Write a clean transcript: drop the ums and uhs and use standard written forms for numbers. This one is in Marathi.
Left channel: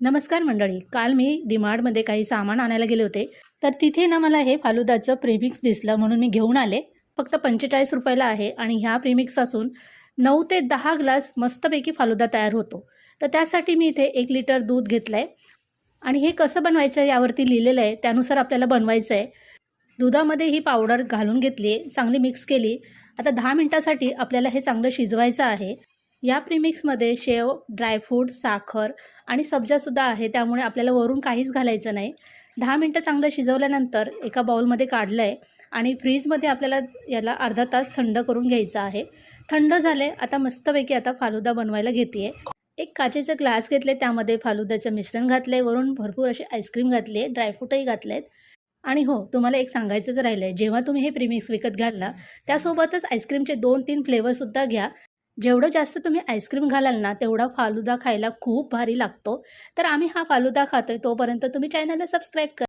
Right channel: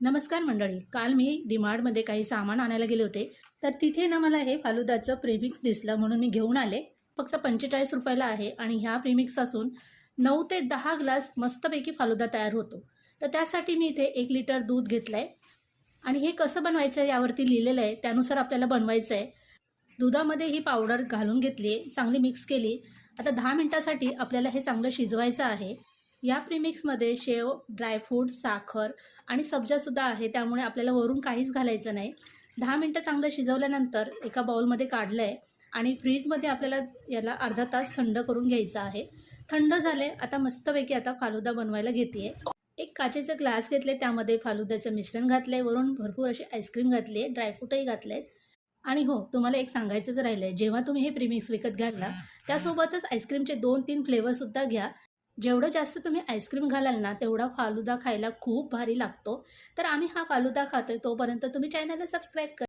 नमस्कार मंडळी. काल मी डीमार्टमध्ये काही सामान आणायला गेले होते. तर तिथे ना मला हे फालुदाचं प्रेमिक्स दिसलं म्हणून मी घेऊन आले. फक्त 45 रुपयाला आहे आणि ह्या प्रेमिक्सपासून 9 ते 10 ग्लास मस्तपैकी फालुदा तयार होतो. तर त्यासाठी मी इथे 1 लिटर दूध घेतलं आहे आणि हे कसं बनवायचं आहे यावरती लिहिलेलं आहे. त्यानुसार आपल्याला बनवायचं आहे. दुधामध्ये ही पावडर घालून घेतली आहे, चांगली मिक्स केली. आता 10 मिनिटासाठी आपल्याला हे चांगलं शिजवायचं आहे. या प्रीमिक्समध्ये शेव, ड्रायफ्रूट, साखर आणि सब्जासुद्धा आहे, त्यामुळे आपल्याला वरून काहीच घालायचं नाही. 10 मिनिटं चांगलं शिजवल्यानंतर एका बाउलमध्ये काढलं आहे आणि फ्रीजमध्ये आपल्याला याला अर्धा तास थंड करून घ्यायचं आहे. थंड झाले. आता मस्तपैकी आता फालुदा बनवायला घेते आहे. एक काचेचा ग्लास घेतले, त्यामध्ये फालुद्याचं मिश्रण घातलं आहे, वरून भरपूर अशी आईस्क्रीम घातली आहे, ड्रायफ्रूटही घातले आहेत. आणि हो, तुम्हाला एक सांगायचंच राहिलं आहे, जेव्हा तुम्ही हे प्रीमिक्स विकत घ्याल त्यासोबतच आईस्क्रीमचे 2-3 फ्लेवरसुद्धा घ्या. जेवढं जास्त तुम्ही आईस्क्रीम घालाल ना, तेवढा फालुदा खायला खूप भारी लागतो. तर आम्ही हा फालुदा खातोय, तोपर्यंत तुम्ही चॅनलला सबस्क्राईब करा.